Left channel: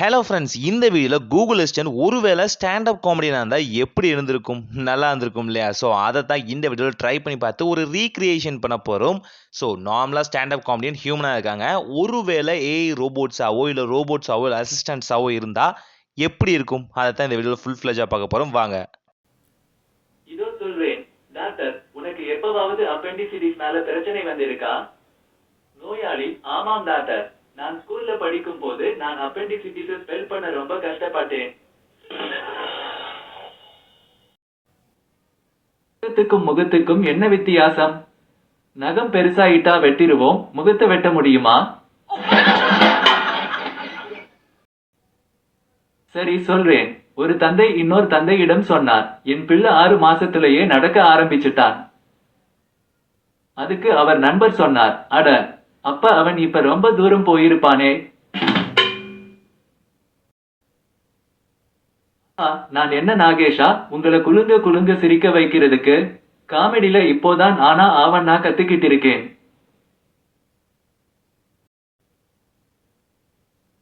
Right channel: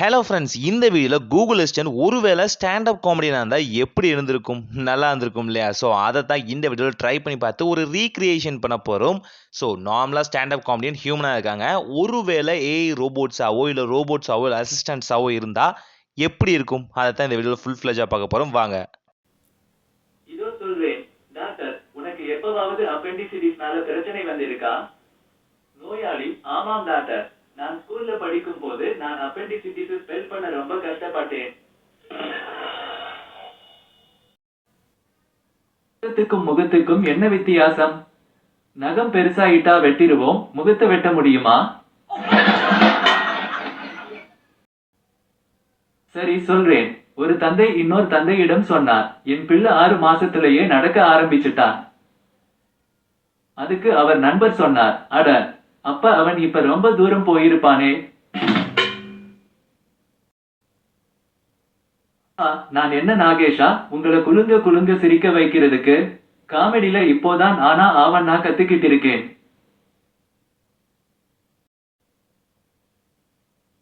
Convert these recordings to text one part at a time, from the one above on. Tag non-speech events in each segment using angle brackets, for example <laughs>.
Hello friends இந்த வீடியோவில் Google assistant ஒருவேளை ஸ்டாண்டப் காமெடியாக இருந்தால் எப்படி இருந்திருக்கும்? நல்லா இருந்திருக்கும் இல்லையா? ஸோ அதை தான் இந்த வீடியோவில் ட்ரை பண்ணி பார்த்து ஒரு ரீக்ரியேஷன் பண்ண போகிறோம் ஸோ நார்மலாக ஸ்டாண்டப் காமெடியன் ஹியூமனாக இருக்காங்க. ஒருவேளை ஏஐ ரோபோட்ஸாவோ இல்லை ரோபோட்ஸாவோ இல்லை அசிஸ்டன்ட்ஸாவோ இருந்தால் எப்படி இருக்கும்? அதை தான் இந்த வீடியோவில் ஃபுல் ஃப்ளெஜாக பார்க்க போகிறோம் வாங்க. இதோ சொல்றேன். டாக்டர் உனக்கு எப்பவாவது அப்பெண்டிசிட்டிஸ்னால பிரச்சனை வந்திருக்கா? நோயாளி ஆமாம் டாக்டர். நான் ஸ்கூல்ல படிக்கும் போது நான் அப்பெண்டிசிட்டிஸ் ஸ்பெல் பண்ண ரொம்ப கஷ்டப்பட்டேன். முகத்துக்கும் முகத்துக்கும் என்ன வித்தியாசம்? நகம் பெருசாயிட்டா வெட்டிருவோம் முகத்தை வெட்ட முடியுமா? சரி சொல்றேன். ஒரு தந்தை இன்னொரு தந்தையிடம் சொன்னார். என் பிள்ளை ஆறு மாசத்திலேயே நடக்க ஆரம்பிச்சிட்டான். அதுக்கு அவர் நண்பர் சொன்னார். அட அப்ப அவன் இப்ப ரொம்ப தூரம் போயிருப்பானே. நான் என்ன நாகேஷா? உங்களை குலுங்க குலுங்க சிரிக்க வைக்கிறதுக்கு? காமெடியில இப்போதான் ஆனா ஆவண்ணா கத்துக்கிட்டு இருக்கேன்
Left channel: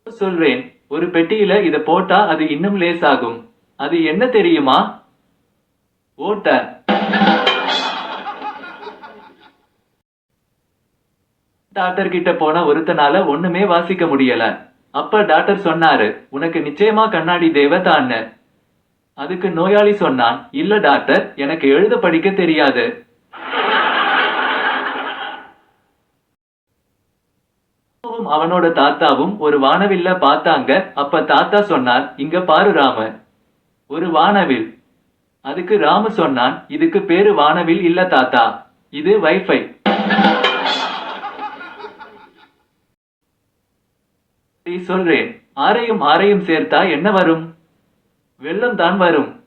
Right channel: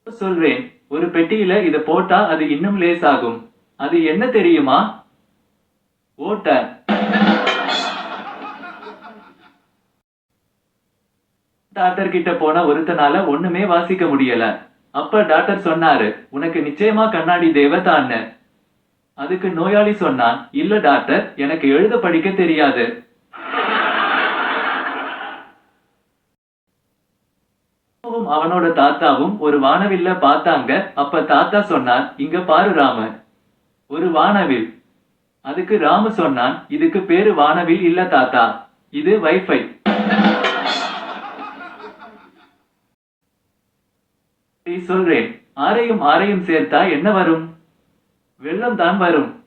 சொல்றேன் ஒரு பெட்டியில இத போட்டா அது இன்னும் லேசாகும். அது என்ன தெரியுமா? ஓட்ட. டாக்டர் கிட்ட போன ஒருத்தனால ஒண்ணுமே வாசிக்க முடியல. அப்ப டாக்டர் சொன்னாரு உனக்கு நிச்சயமா கண்ணாடி தேவைதான்னு. அதுக்கு நோயாளி சொன்னான் இல்ல டாக்டர் எனக்கு எழுத படிக்க தெரியாது. அவனோட தாத்தாவும் ஒரு வானவில்ல பார்த்தாங்க. அப்ப தாத்தா சொன்னார் இங்க பாரு ராம. ஒரு வானவில். அதுக்கு ராமு சொன்னான் இதுக்கு பேரு வானவில் இல்ல தாத்தா. இது வைஃபை. சொல்றேன். ஆரையும் ஆரையும் சேர்த்தா என்ன வரும்? வெள்ளம் தான் வரும்.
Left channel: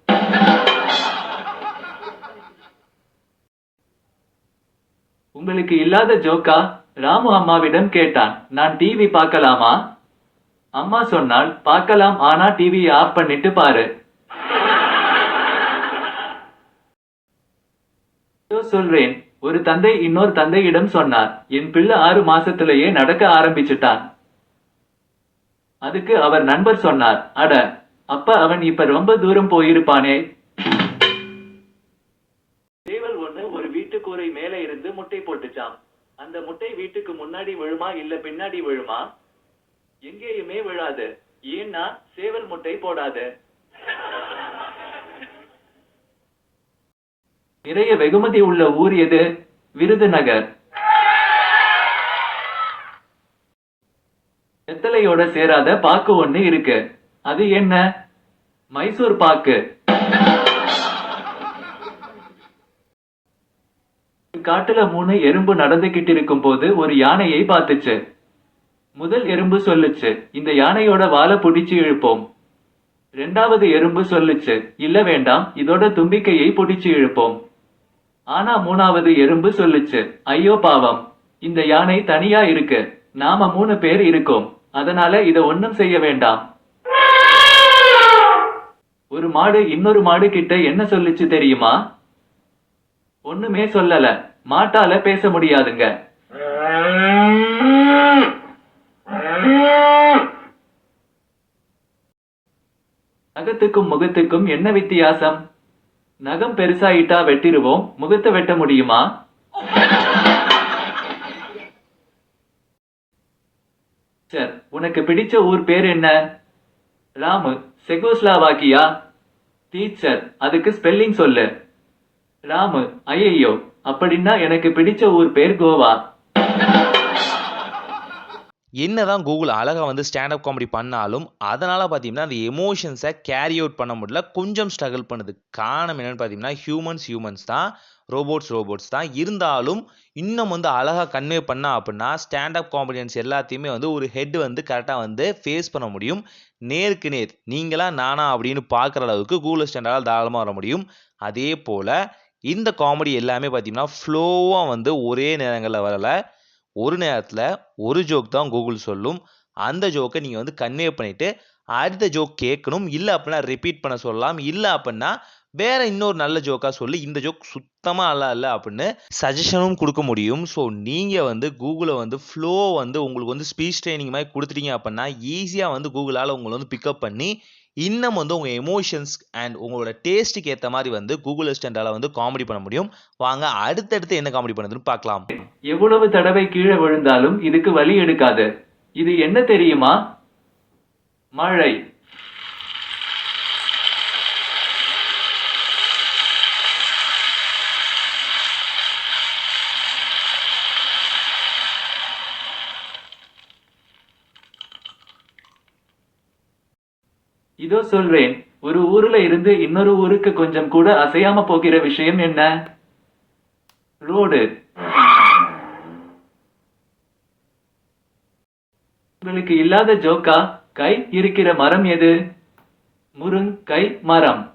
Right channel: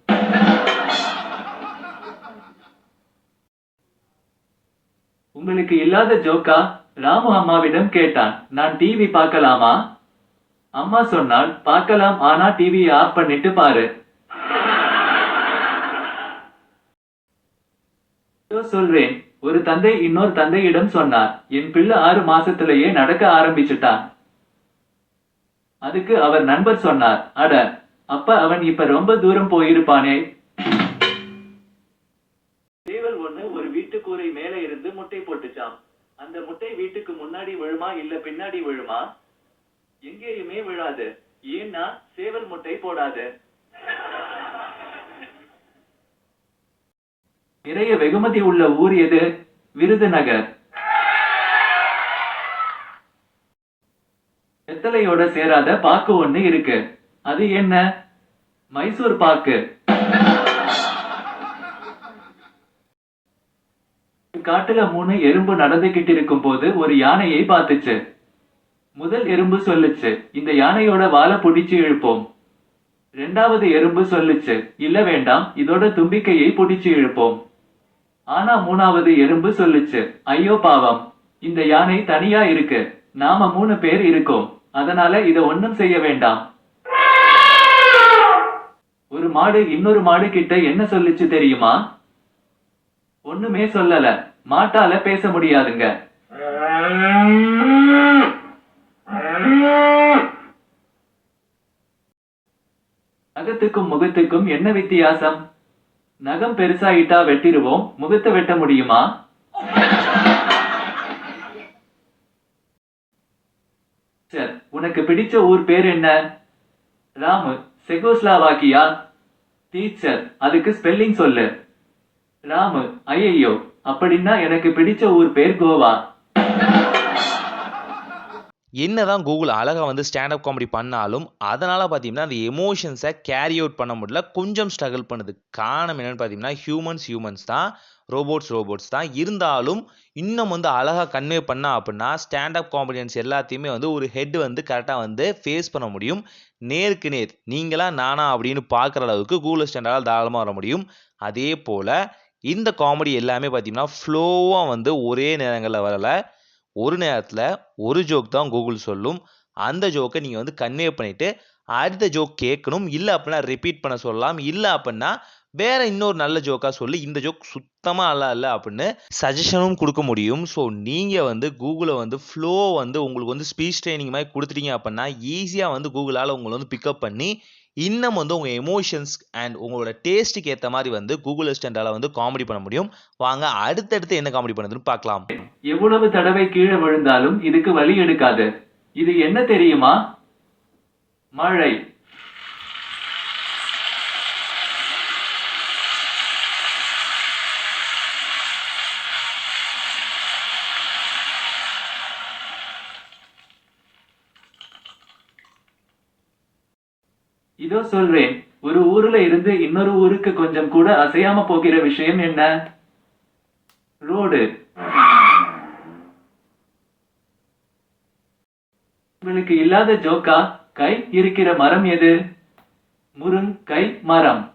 உங்களுக்கு இல்லாத ஜோக்கா? ராமு அம்மாவிடம் கேட்டான். நான் டிவி பார்க்கலாமா? அம்மா சொன்னால் பார்க்கலாம் ஆனா டிவியை ஆஃப் பண்ணிட்டு பாரு. சொல்றேன். ஒரு தந்தை இன்னொரு தந்தையிடம் சொன்னார். என் பிள்ளை ஆறு மாசத்திலேயே நடக்க ஆரம்பிச்சுட்டான். அதுக்கு அவர் நண்பர் சொன்னார் அட அப்ப அவன் இப்ப ரொம்ப தூரம் போயிருப்பானே. சேவல் ஒண்ணு ஒரு வீட்டு கூரை மேல இருந்து முட்டை போட்டுச்சாம். அந்த முட்டை வீட்டுக்கு முன்னாடி விழுமா இல்ல பின்னாடி விழுமா? எங்கேயுமே விழாது. ஏன்னா சேவல் முட்டை போடாது. நிறைய வெகுமதி உள்ள ஊர் எது? விருதுநகர். வெத்தலையோட சேராத பாக்கு ஒண்ணு இருக்கு. அது என்ன? மைசூர் பாக்கு. காட்டுல மூணு எறும்பு நடந்துகிட்டு இருக்கும் போது ஒரு யானையை பார்த்துச்சு. முதல் எறும்பு சொல்லுச்சு இந்த யானையோட வாழை பிடிச்சு இழுப்போம். ரெண்டாவது எறும்பு சொல்லுச்சு இல்ல வேண்டாம் இதோட தும்பிக்கையை பிடிச்சு இழுப்போம். ஆனா மூணாவது எறும்பு சொல்லுச்சு ஐயோ பாவம் இந்த யானை தனியா இருக்கு நாம மூணு பேர் இருக்கோம். அதனால இத ஒண்ணும் செய்ய வேண்டாம். ஒரு மாடு இன்னொரு மாடு கிட்ட என்ன சொல்லுச்சு தெரியுமா? ஒண்ணுமே சொல்லல. மாட்டால பேச முடியாதுங்க. நகத்துக்கும் முகத்துக்கும் என்ன வித்தியாசம்? நகம் பெருசாயிட்டா வெட்டிருவோம். முகத்தை வெட்ட முடியுமா? உனக்கு பிடிச்ச ஊர் பேர் என்ன? ராமு செகோஸ்லாவாக்கியா? டீச்சர் அதுக்கு ஸ்பெல்லிங் சொல்லு. ராமு ஐயையோ அப்படின்னா எனக்கு பிடிச்ச ஊர் பேர் கோவா. என்னதான் கூகுள் அழகாக வந்து ஸ்டாண்டப் காமெடி பண்ணாலும் அதனால் பார்த்தீங்கன்னா அந்த எமோஷன்ஸை கேரி அவுட் பண்ண முடியல. கொஞ்சம் ஸ்ட்ரகிள் பண்ணுது. காரணம் என்னென்னு பார்த்தீங்கன்னா ஹியூமன்ஸ் ஹியூமன்ஸ் தான். ரோபோட்ஸ் ரோபோட்ஸ் தான். இருந்தாலும் இன்னும் வந்து அழகாக கன்வே பண்ணா அப்படின்னா ஸ்டாண்டப் காமெடியன்ஸ் எல்லாத்தையுமே வந்து ஒரு ஹெட் வந்து கரெக்டாக வந்து ஃபேஸ் பண்ண முடியும். நேருக்கு நேர் நீங்களா நானா அப்படின்னு பார்க்குற அளவுக்கு கூகுள் ஸ்டாண்டால் தாராளமாக வர முடியும். அதே போல் இந்த காமெடி எல்லாமே பார்த்தீங்கன்னா ஃப்ளோவாக வந்து ஒரே நேரங்களில் வரல. ஒரு நேரத்தில் ஒரு ஜோக் தான் கூகுள் சொல்லும். அந்த ஜோக்கை நீங்கள் வந்து கன்வே பண்ணிவிட்டு அடுத்த ஜோக் கேட்கணும். இல்லை அப்படின்னா ரிப்பீட் பண்ண சொல்லலாம். இல்லை அப்படின்னா வேற இன்னொரு நல்ல ஜோக்காக சொல்லி இந்த ஜோக் சுத்தமாக நல்லா இல்லை அப்படின்னு சஜஷனும் கொடுக்க முடியும். ஸோ நீங்கள் வந்து கூகுளை வந்து ஃப்ளோ வந்து உங்களுக்கு வந்து ஸ்பீச் ட்ரைனிங் மாதிரி கொடுத்துட்டீங்க அப்படின்னா ஈஸியாக வந்து கூகுளால் உங்களை வந்து பிக்கப் பண்ணி இன்னும் வந்து உங்கள் எமோஷன்ஸ் அண்ட் உங்களோட டேஸ்ட்டுக்கு ஏற்ற மாதிரி வந்து கூகுள் அசிஸ்டண்டால் வந்து காமெடி பண்ண முடியும். வாங்க அடுத்தடுத்து என்ன காமெடி பண்ணுதுன்னு பார்க்கலாம். எவ்வளவு தடவை கீழே விழுந்தாலும் இதுக்கு வலி எடுக்காது. இது என்ன தெரியுமா? மழை. இதோ சொல்றேன் ஒரு ஊர்ல இருந்து இன்னொரு ஊருக்கு கொஞ்சம் கூட அசையாம போகிற விஷயம் என்ன? ரோடு. உங்களுக்கு இல்லாத ஜோக்கா? கை இருக்கிற மரம் எது? முருங்கை மரம்.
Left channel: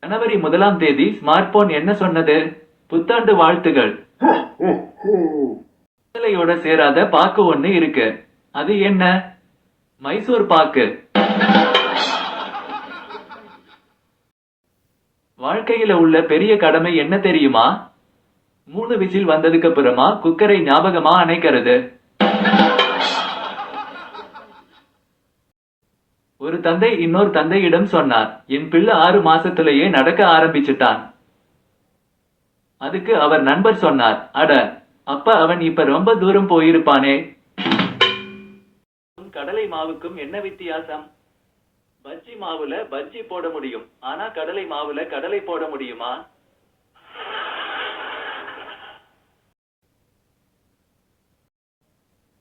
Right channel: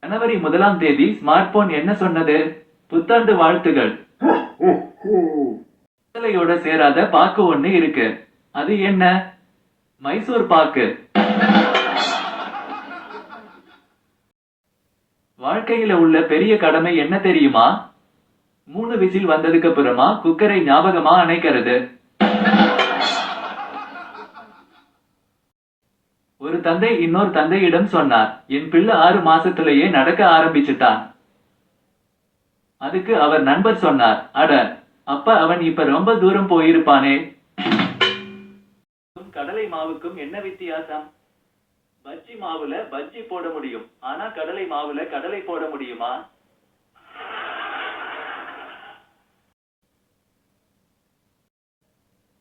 ஜனவரி முதலாம் தேதி ஸ்மார்ட் போன் என்ன சொன்னது? புத்தாண்டு வாழ்த்துகள். <laughs> சேராத பாக்கு ஒண்ணு இருக்கு. அது என்ன? மைசூர் பாக்கு. வாழ்க்கையில உள்ள பெரிய கடமை என்ன தெரியுமா? மூணு விசில் வந்ததுக்கு அப்புறமா குக்கரை ஞாபகமா அணைக்கிறது. ஒரு தந்தை இன்னொரு தந்தையிடம் சொன்னார் என் பிள்ளை ஆறு மாசத்திலேயே நடக்க ஆரம்பிச்சுட்டான். அதுக்கு அவர் நண்பர் சொன்னார் அட அப்ப அவன் இப்ப ரொம்ப தூரம் போயிருப்பானே. கடலை மாவுக்கும் என்ன வித்தியாசம்? பஜ்ஜி மாவுல பஜ்ஜி போட முடியும். ஆனா கடலை மாவுல கடலை போட முடியுமா?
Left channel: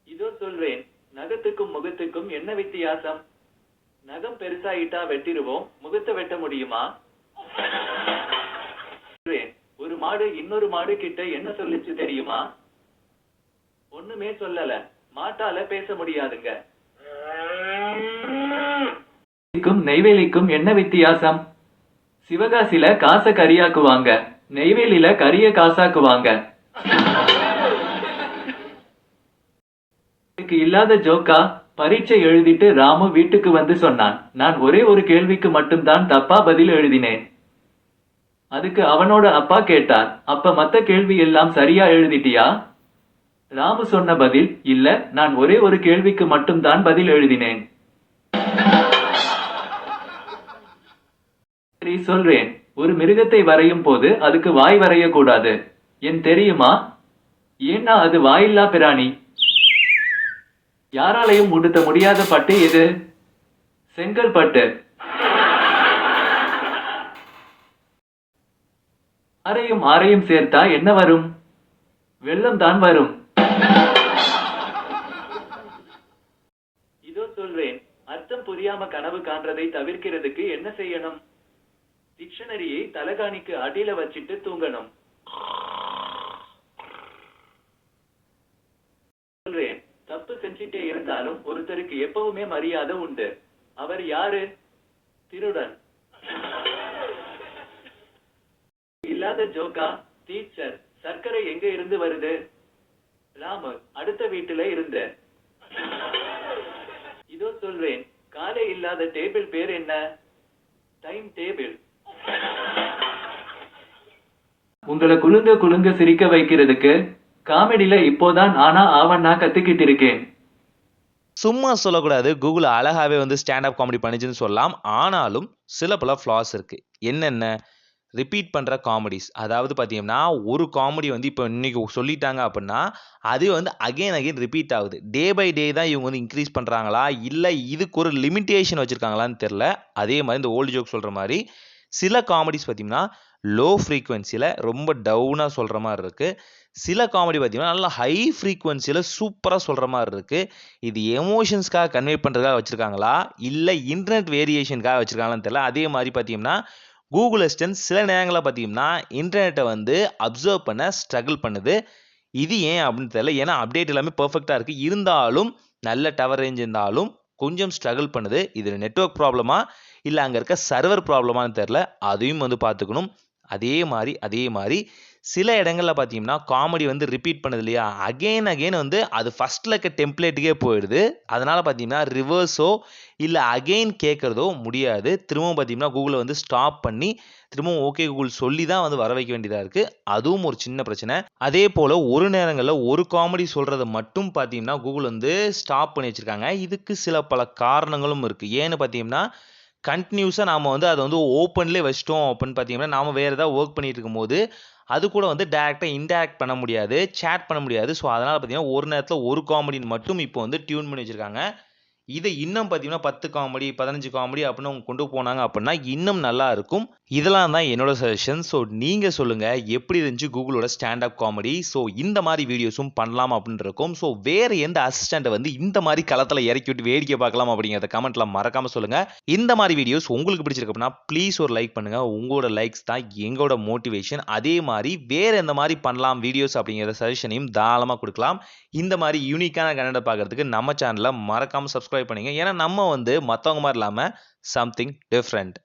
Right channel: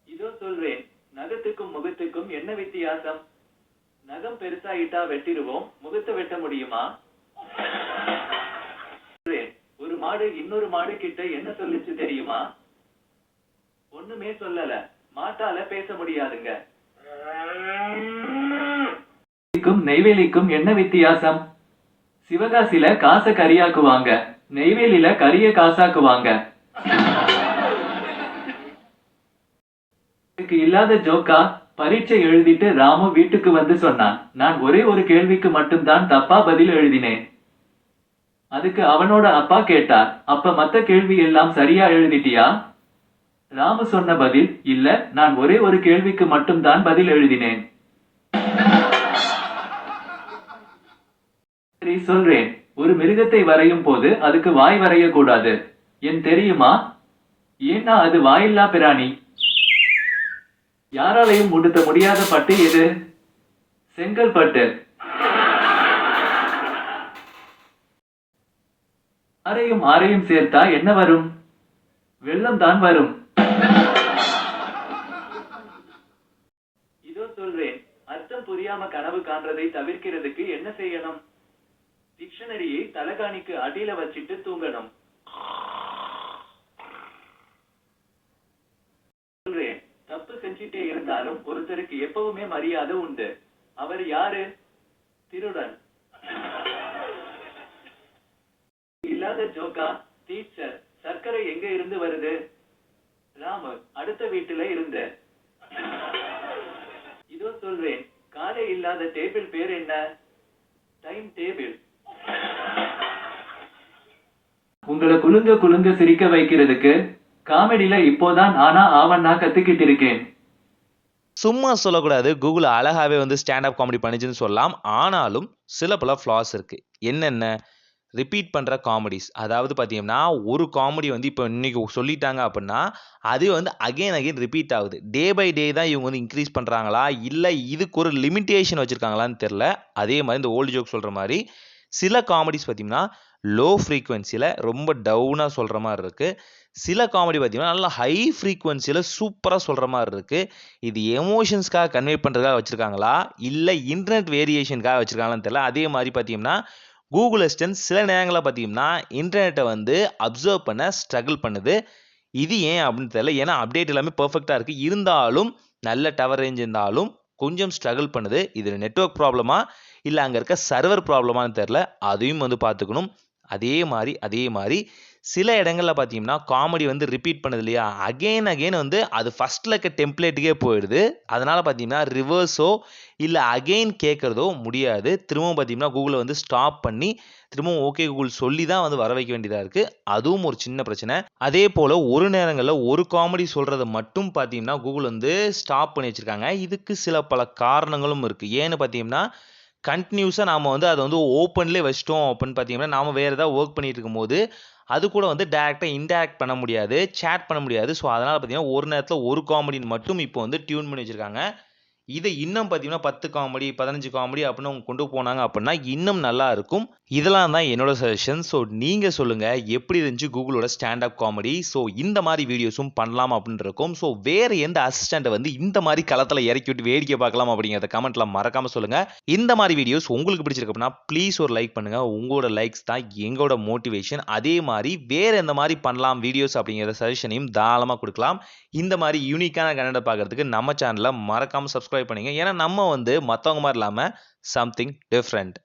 இதோ சொல்றேன். நகத்துக்கும் முகத்துக்கும் என்ன வித்தியாசம்? நகம் பெருசாயிட்டா வெட்டிடுவோம். முகத்தை வெட்ட முடியுமா? சொல்றேன். ஒரு மாடு இன்னொரு மாடு கிட்ட என்ன சொல்லுச்சு தெரியுமா? ஒண்ணுமே சொல்லல. மாட்டால பேச முடியாதுங்க. நெய்வேலிக்கும் என்ன வித்தியாசம்? சிவகாசில காசை கரியாக்குவாங்க. நெய்வேலியில கரிய காசாக்குவாங்க. இல்லாத ஜோக்கா பரீட்சை எழுதிட்டு ராமு வீட்டுக்கு வந்து சொன்னான். நான் ஒரே ஒரு கேள்விக்கு மட்டும்தான் தப்பா பதில் எழுதினேன். அதுக்கு அவனோட அப்பா கேட்டார். அப்ப மத்த கேள்வி எல்லாம் சரியா எழுதிட்டியா? ராமு சொன்ன பதில் இல்ல நான் ஒரே ஒரு கேள்விக்கு மட்டும்தான் பதில் எழுதினேன். சரி சொல்றேன். ஒரு மிருகத்தை வரையும் போது அதுக்கு வாய் வரையக்கூடாது. என் தெரியுமா? ஏன்னா அது வாயில்லா பிராணி. யாராலையும் உடுத்த முடியாத பட்டு எது? செங்கல்பட்டு அரையும் ஆரையும் சேர்த்தா என்ன வரும்? வெள்ளம் தான் வரும். புரியாம கனவு காண்றதை தவிர்க்கிறதுக்கு என்ன செய்யணும்? டிக்ஷனரியை தலகாணிக்கு அடியில வச்சிட்டு தூங்கணும். சொல்றேன். தப்பு செஞ்சிட்டே இருந்தாலும் ஒருத்தருக்கு எப்பவுமே மரியாதை உண்டு. அவர் யாரு? திருடன். இல்லாத ஜோக்கா டீச்சர் சர்க்கரை எங்க இருந்து வருது? ராமு அடுத்த வீட்டுல இருந்து. இதோ சொல்றேன். காலை இல்லாத டேபிள் பேர் என்ன? Time table. உங்களை குலுங்க குலுங்க சிரிக்க வைக்கிறதுக்கு காமெடியில இப்போதான் ஆனா ஆவண்ணா கத்துக்கிட்டு இருக்கேன். சும்மா சொல்லக்கூடாது. கூகுள் அழகாவே வந்து ஸ்டாண்டப் காமெடி பண்ணிச்சுன்னு சொல்லலாம். ஆனாலும் சில பல ஃப்ளாஸ் இருக்கு. என்னென்ன? ரிப்பீட் பண்ணுற காமெடிஸ் அதாவது பார்த்தீங்கன்னா ஒரு காமெடி வந்து இப்போ இன்றைக்கி சொல்லிட்டாங்க அப்படின்னா அது வந்து அகைன் அகைன் ரிப்பீட் ஆகுது. டே பை டே தான் இவங்க வந்து இன்க்ரீஸ் பண்ணுறாங்களா இல்லை இதுக்கு ஒரு லிமிட்டேஷன் வச்சுருக்காங்களான்னு தெரில அதே மாதிரி இந்த ஓல்டு ஜோக் சொல்கிற மாதிரி சில காமெடிஸ் பார்த்தீங்கன்னா லோ ஃப்ரீக்குவென்சியில் ரொம்ப டவுனாக சொல்கிற மாதிரி இருக்குது சில காமெடி பார்த்தீங்கன்னா நல்லா ஹை ஃப்ரீக்குவென்சியில் சூப்பராக சொல்கிற மாதிரி இருக்குது இது எமோஷன்ஸ்க்காக கன்வே பண்ணுறதுக்காக வச்சுருக்காங்களா? இல்லை இன்டர்நெட் வேரியேஷனுக்காக வச்சுருக்காங்களான்னு தெரியல. அதே மாதிரி பார்த்தீங்கன்னா கூகுள் அசிஸ்டன்ட் சில நேரங்களில் பார்த்தீங்கன்னா இன்டர்நெட்டை வந்து அப்சர்வ் பண்ண ஸ்ட்ரகிள் பண்ணுது. இது ஏன் அப்படின்னு தெரியல. ஏன்னா அப்டேட் எல்லாமே பர்ஃபெக்டாக இருக்குது இருந்தாலும் நல்ல டவர் ரேஞ்ச் இருந்தாலும் கொஞ்சம் ஸ்ட்ரகிள் பண்ணுது. இது நெட்வொர்க் ப்ராப்ளமா இல்லை அங்கே இருக்க சர்வர் ப்ராப்ளமான்னு தெரில அதையும் வந்து பார்த்துக்கணும். அதே மாதிரி அதே மாதிரி சில இடங்களில் பார்த்தீங்கன்னா காமெடி வந்து ரிப்பீட் பண்ணுது இல்லையா? அகெயின் அகெயின் வந்து அது ஃபஸ்ட்டில் இருக்க டெம்ப்ளேட்டுக்கே போயிடுது. அதனால் பார்த்தீங்கன்னா ரிவர்ஸோ இல்லை அகெயின் கேட்குறதோ முடியாது. திரும்பவும் பார்த்தீங்கன்னா கூகுளை வந்து ஸ்டாப் பண்ணி திரும்பவும் ஓகே கூகுள் சொல்லி தான் வந்து வர வைக்க வேண்டியதாக இருக்குது அதுவும் ஒரு சின்ன பிரச்சனை. அதே போல் ஒரு நேரங்களில் ஒரு காமெடி சொல்கிறத மட்டும் பார்த்தீங்கன்னா கூகுள் வந்து ஸ்டாப் பண்ணி வச்சுருக்காங்க. இதுக்கு சில பல காரணங்களும் இருக்குது ஏன்னு பார்த்தீங்கன்னா கண்டினியூஸாக நாம் வந்து அதை வந்து ஓப்பன்லேயே வச்சிட்டோம் அப்படின்னு பார்த்தீங்கன்னா நாம் வேறு ஏதாவது ஒர்க் பண்ணிகிட்டு இருக்கும்போது அது கூட வந்து டேரெக்டாக இன்டராக்ட் பண்ண முடியாது சேட் பண்ண முடியாது. ஸோ அதனால் பார்த்தீங்கன்னா ஒரு நேரத்தில் ஒரு காமெடின்னு மட்டும் இப்போ வந்து டியூன் பண்ணி வச்சுருக்காங்க. இதை இன்னும் பார்த்தீங்கன்னா பத்து காமெடி பதினஞ்சு காமெடி அப்படின்னு அவங்க கொண்டு போனாங்க அப்படின்னா இன்னும் நல்லா இருக்கும். இதெல்லாம் தான் என்னோட சஜஷன் ஸோ நீங்கள் சொல்லுங்கள் எப்படி இருந்துச்சு கூகுளோட ஸ்டாண்டப் காமெடி ஸோ இந்த மாதிரி வீடியோஸும் பண்ணலாம் அப்படின்னு இருக்கும். ஸோ வேறு எந்த அசிஸ்டண்ட்டை வந்து இந்த மாதிரி களத்தில் இறக்கி விட்டு வேடிக்கை பார்க்கலாம் அப்படிங்கிறத கமெண்ட்ல மறக்காமல் சொல்லுங்கள் இந்த மாதிரி வீடியோஸ் உங்களுக்கு பிடிச்சிருக்கு அப்படின்னா ப்ளீஸ் ஒரு லைக் பண்ணுங்கள் உங்களோட லைக்ஸ் தான் எங்களோட மோட்டிவேஷன் அதே மாதிரி வேறு எந்த மாதிரி பண்ணலாம் வீடியோஸ் அப்படிங்கிற சஜஷனையும் தாராளமாக கொடுக்கலாம். இந்த மாதிரி யூனிக்கான கன்னடம் பார்க்கறதுக்கு நம்ம சேனலை மறக்காமல் சப்ஸ்கிரைப் ஏன்னா நம்ம வந்து மற்றவங்க மாதிரி இல்லாமல் சம்திங் டிஃப்ரெண்ட்